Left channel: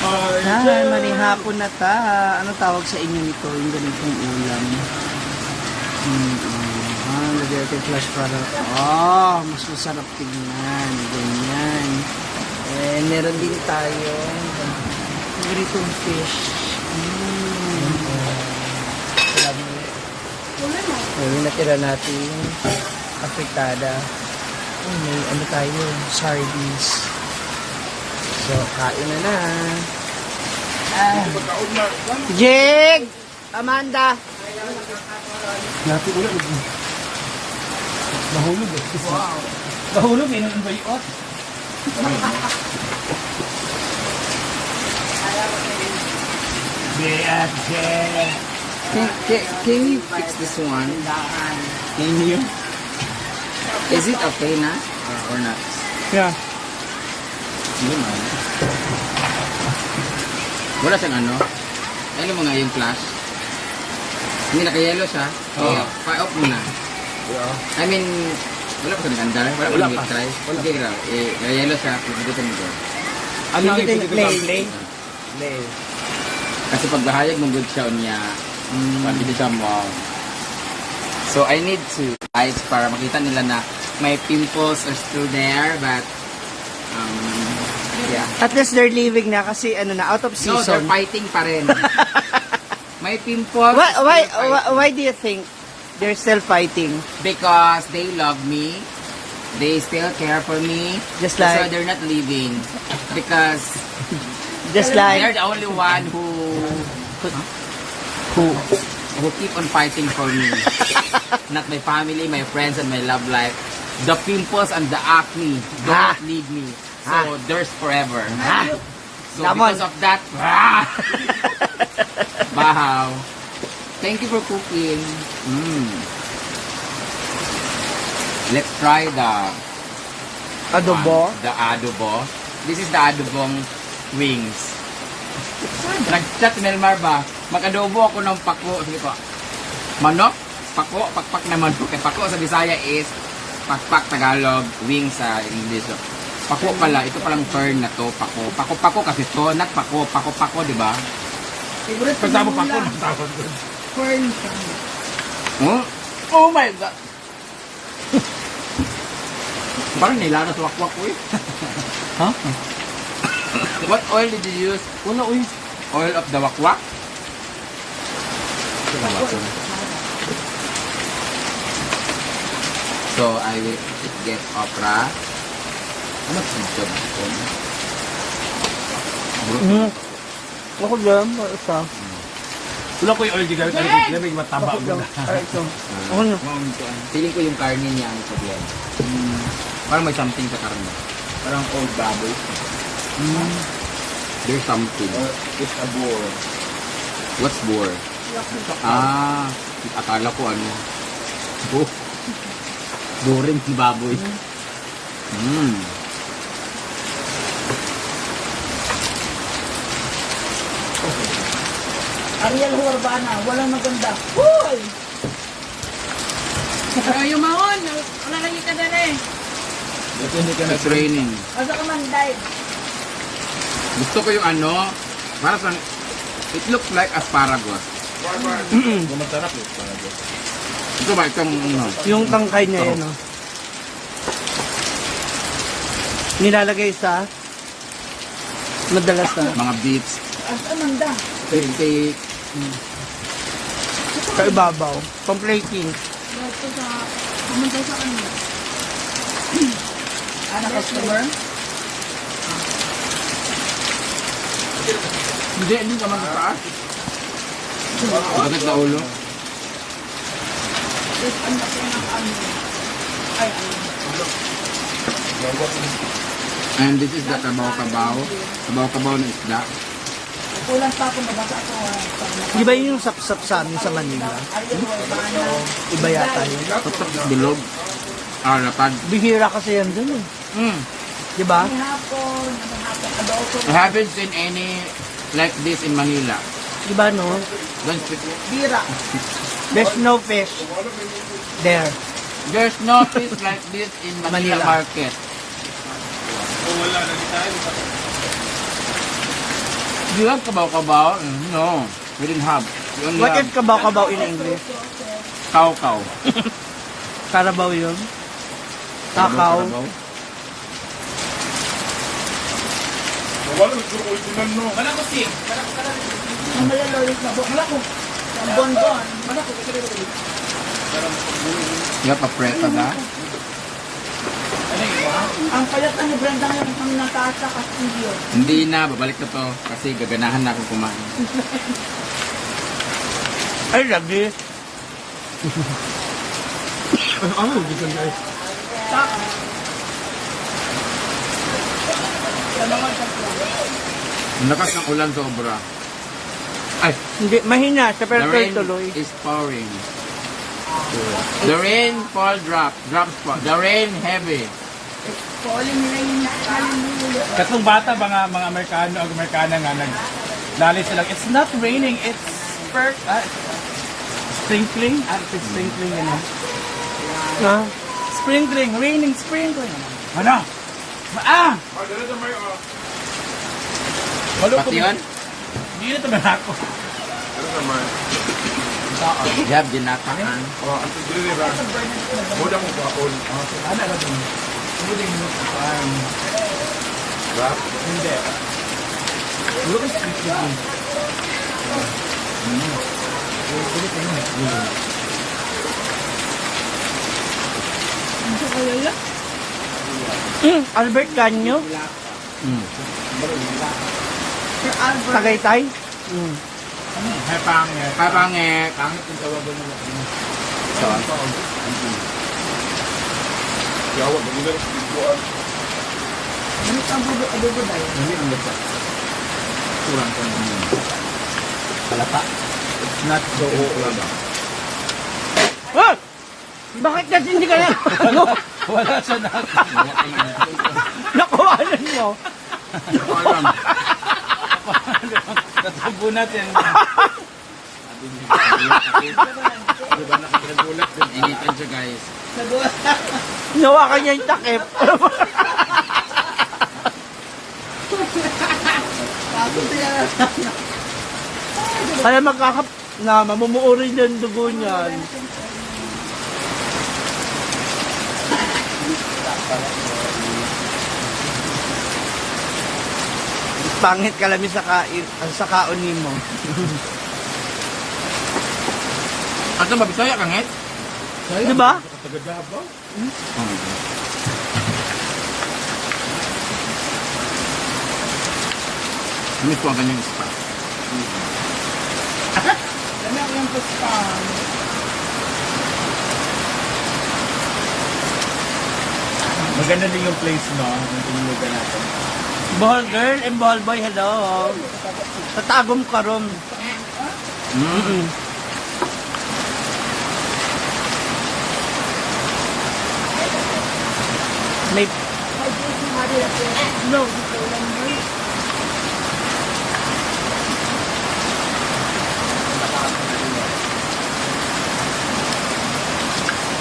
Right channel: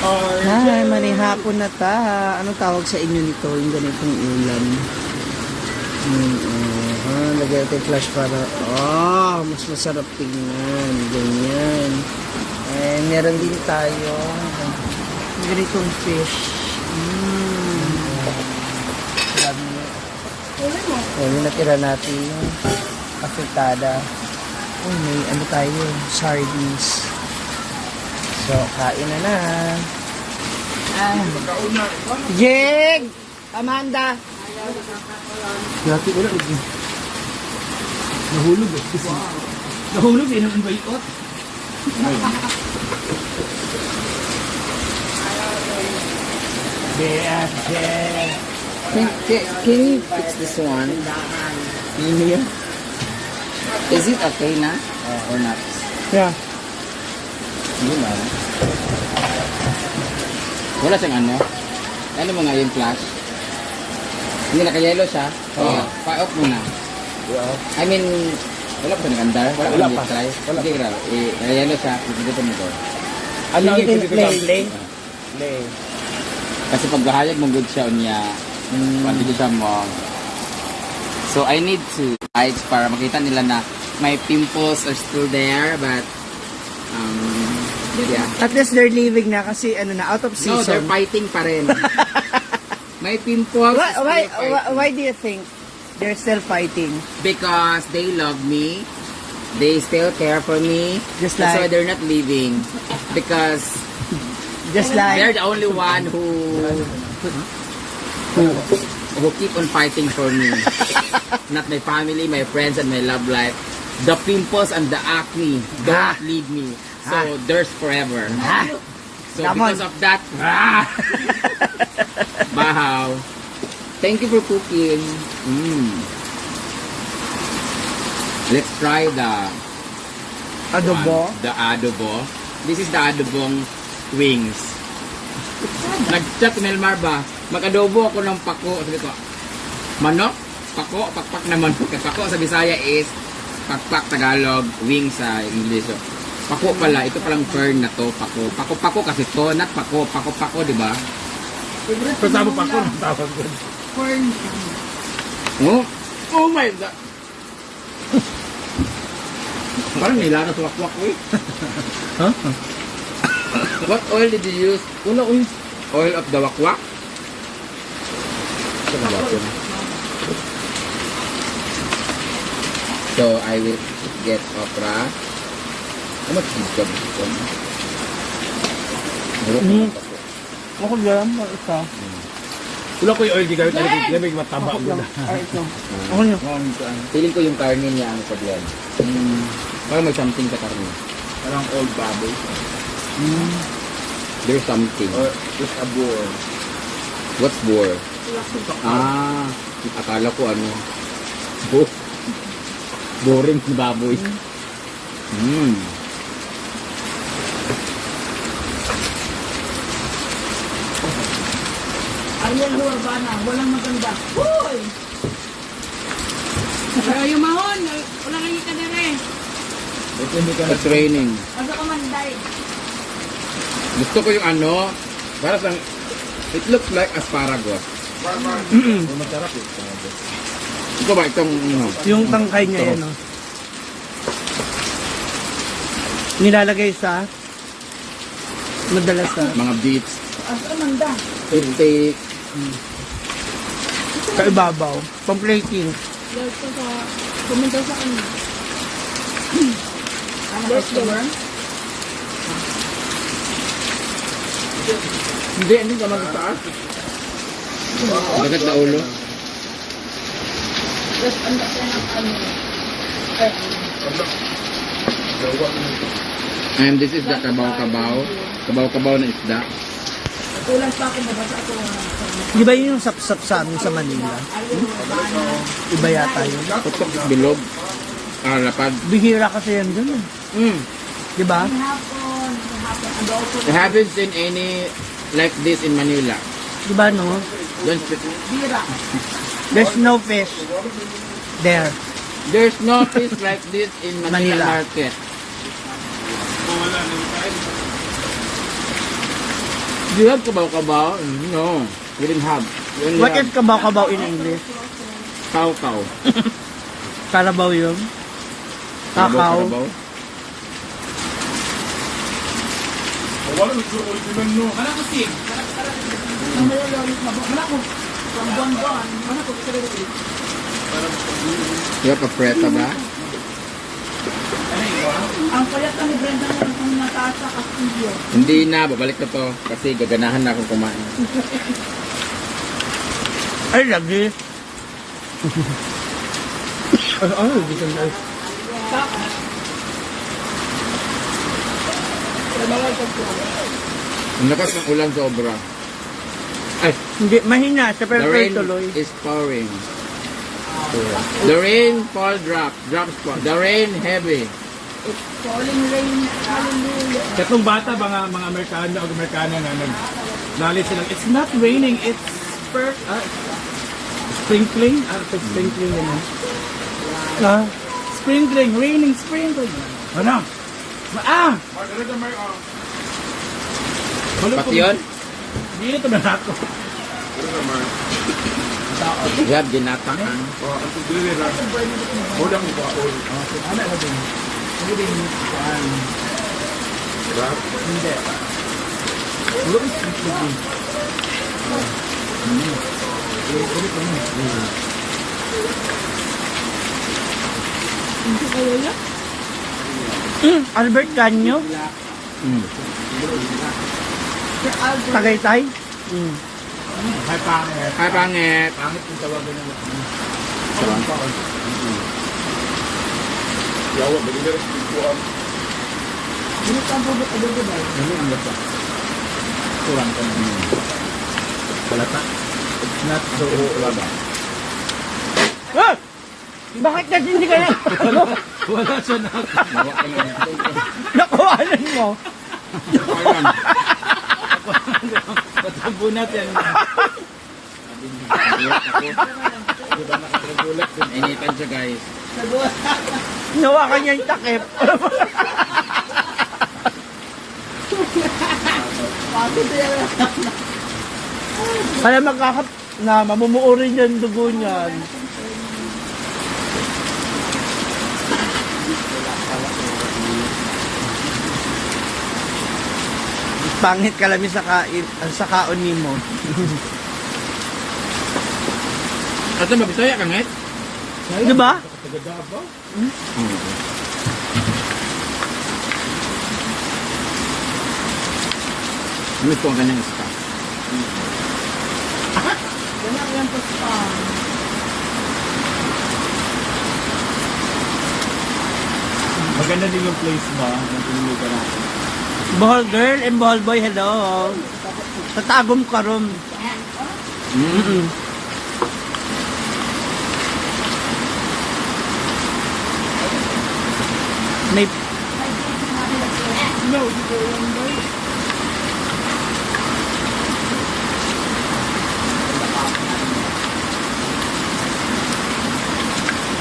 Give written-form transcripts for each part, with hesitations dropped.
Hi, maling hapon na ta. Anong tawag sa inyo nito? Yung ganitong ulam. Lagay ito flash para mas masarap tingnan. Ganyan. And meron din tayong ganitong fish. Yung natira natin afritada. May ano tayo, sardines. So, kain na. Jig! Amanda! Gati ulit. Nahulog eh. Wow. Nahulog eh, nung bayot. Can you fix this one? In here? Is it okay na? Or not? Yeah. Hindi man. Wala siyang ano? Ano mo nga yung flash? Hindi naka-yellow siya. So, pa-off mo na. I mean, wala pa sa nag-andar? Wala pa try? Wala. Hindi, yellow siya. Pagkita mo doon. Ano ang play? Play. Kasi pag bahayag mong good siya niya, pabili siya mo. So, I need to lights para makita nila na my pimples are still there, but yeah. At least they're leaving na kasi ano na, out of season. No, they're fighting pa rin. My pimples Why do you think they're still fighting? because they love me. They still care for me. Just That's like- why they're not leaving. Because Just they're like, the only one who keep on fighting for me. Not my family, my friends, and my love life. The pimples and the acne don't leave me. So there's forever. So Come on. because of that, Bahaw. Thank you for cooking. Let's try the adobo. The adobo. This is the adobong wings. Nag-chat si Melmar ba? Mag-adobo ako ng pako. Sabi ko, manok, pako, pakpak na manok. Kaya pako sa Bisaya is pakpak Tagalog, wings sa English. So, pako pala, ito palang fern na to, pako. Pako kasi to, not pako, di ba? Kasama pa ko ng tawag doon. Oh my God! Parang nilana sa wakwak, uy. Huh? What oil did you use? Wala, uy. Oil of the wakwak? So, I will get okra. How much is the Ako dyan, isa. Wala ko yung oil gigamit. Ano ko yung mataba ko na. Ako nyo. Feeling ko yung karne niya ang problem. Parang may something sa karne. Parang old baboy. There's something. Just a boar. What's boar? Akala ko ano. Boring si baboy. Ariel Huarbana, walang maganda. Hoy! Ayaw mahon. Wala lang yung kadere. It's raining. Asa ka man, day. Gusto ko yung ano, para sa, it looks like asparagus. Masarap eh. Ito ba, itong, Yung tangkay niya yan, oh. Nilalagay sa madalas sa mga beets, Asa ka man, da. steak, kaibabaw. Pang-plating. Pumunta sa ano. Anak customer. hindi naman sa taas. Bakit na ulo? Yes, ang dati ng ano. Ay, And this is the kabaw-kabaw na isda. kulang pa ako. Mabasa ako. Di ba yun yung sap-sap sa amin sa Manila? Iba yata yun. Tutok bilog. Lapad. Bihira kasi yan dun eh. Di ba? Hapon. Adobo. You haven't seen any like this in Manila. Di ba no? Don't speak. Bira. There's no fish there. There's no fish like this in Manila Manila. market. You have kabaw-kabaw? No, we didn't have. We only What have is kabaw-kabaw in English? Kaw-kaw. Karabaw yun? Kakaw? Wala ito original no. Wala ko si. Yung malalolit na bo. Wala ko. Ang bon-bon. Wala ko. Kasi rin. You have a preta ba? Ang palat ni Brenda ng natasa ka studio. Hindi na, babalik na to. Kasi gaganahan na akong kumain. Ay, lagi. Ano dito guys? Ang lakas ng ulan sobra. Ay, Hindi, mahina. Sa pero the rain tuloy. is pouring. The rain fall drops fall. The rain heavy. It's falling rain. Hallelujah. Katlong bata mga Amerikano o Amerikana nga lali sila. It's not raining, it's sprinkling. It's sprinkling yan. Ah, Sprinkling, raining, sprinkling. Ano? Ah! Pati yun? Hindi na ito na ako. You have ginatakan. Ano ba din? Hindi din. Hindi. Look at sprinkling. Albert Canyo? Mm. Tagaytay? Hay pangit. Hi, pangit. Pangit yung tawagan ng Saan? Ano ka adobo dahil? Dali ang lasa. Kurang ka naman. Halata. It's not so wala. Ah! Bakit kasi hindi ka na? Ano? Wala siya na. Nakuhanan mo? Ayun. Natubo natin. Sabi niya, nagulat ako. Di ba nakakagulat din anytime sa guys. Nawa ka niyang takip. Kaya magkakap na mamumuurin yung dugo niyan. Pangit kalami sa kain, sa kaon mo. Ato ba, Bisaya kangit? Di ba? Taga-Davao. Miss ko ang kanyang spot. Wala ko yung pasta. Maganda din yung place no. Yung tinulugan natin. Bohol girl and bohol boy, hello. Sa tagom karon. Mm-mm. May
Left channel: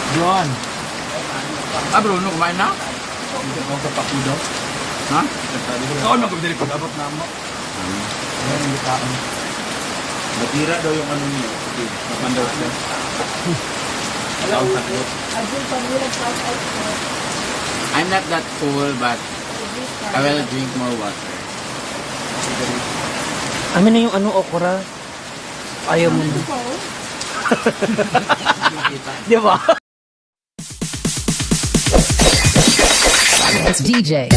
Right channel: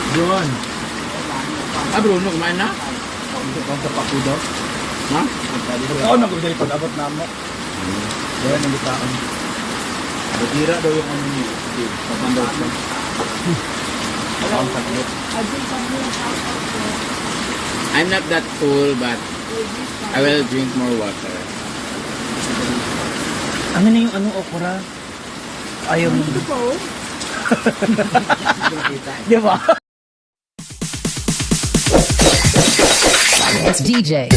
Doon. Ah, Bruno, kumain na? Hindi kang tapaku daw. Ha? Oo, nagdali pag-abot na mo. Yan yung lutaan. Batira daw yung ano niya. Okay, napandaw ko. Ang takot. I'm not that full, but I will drink more water. amin na yung ano okra. Ayaw mo. Di ba? It's DJ.